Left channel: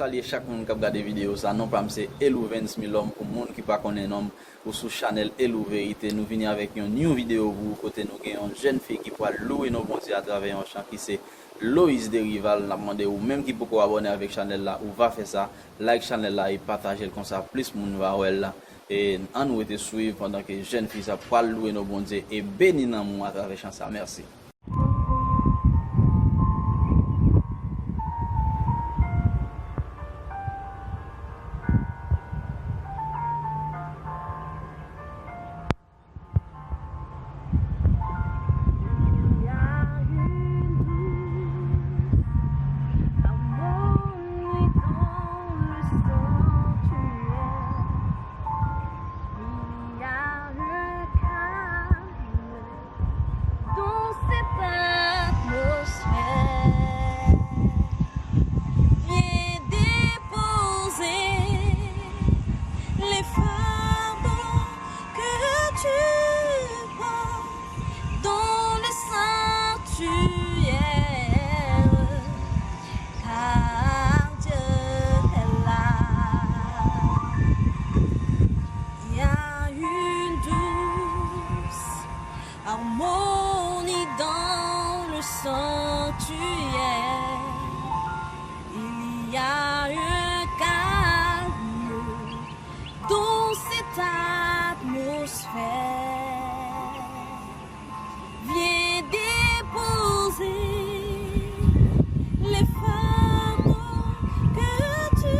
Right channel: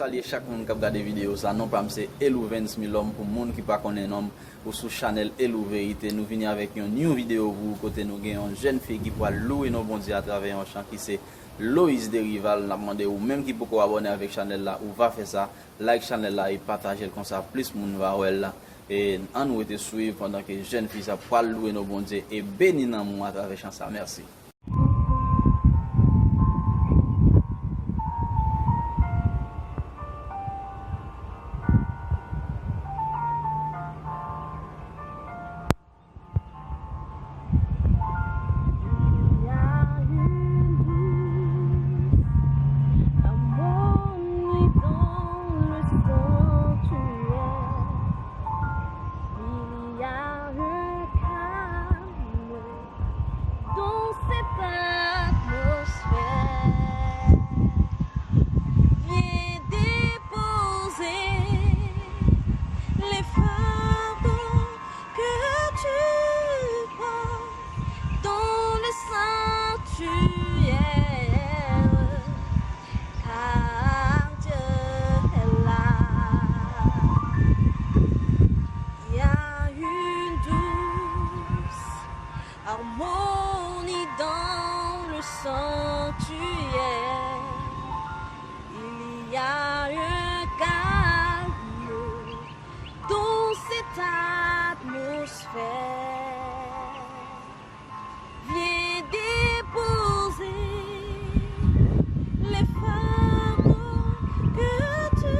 saluer chaque monde qui a regardé vidéo ça. Non pas c'est Elou 20000 hommes pour monde qui pas connaît homme ou sur channel Elou Vérité. Nous venons avec une new vidéo pour côté nous gagne une jeune fille qui pourra louer nos bons dieux à travers un chant qui c'est Loïs Derival. N'a demandé ou même qui peut abonner avec channel là ou va faire ça, like channel là et partager comme ça plus monde va ouais là. Et on nous était suivre pendant que jeune fille ça pourra louer nos bons dieux et bénir dans moi à travers chant ça. Merci. Les fardeaux que tu portes dans le sanctuaire, car Dieu est là. Il y a une douce harmonie dans le sanctuaire. Il y a un calme dans cette atmosphère. Viens déposer les fardeaux que tu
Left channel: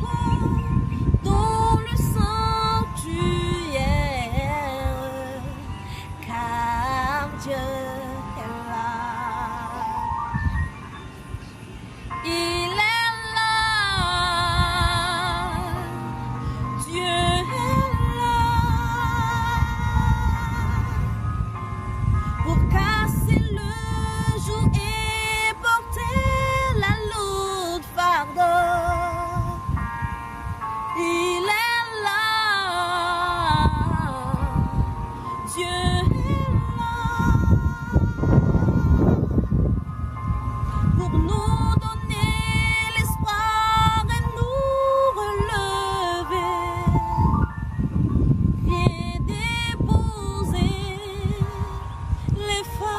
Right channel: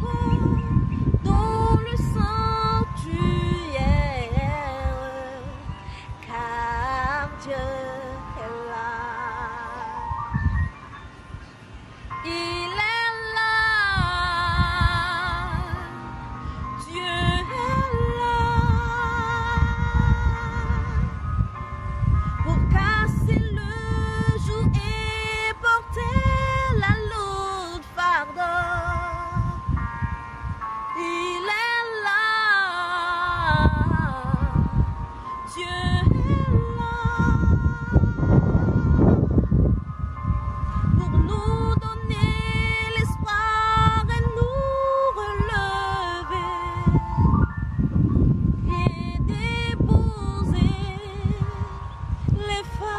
portes dans le sanctuaire, car Dieu est là. Il est là, Dieu est là, pour casser le joug et porter la lourde fardeau. Il est là, Dieu est là, pour nous donner l'espoir et nous relever. Viens déposer les fardeaux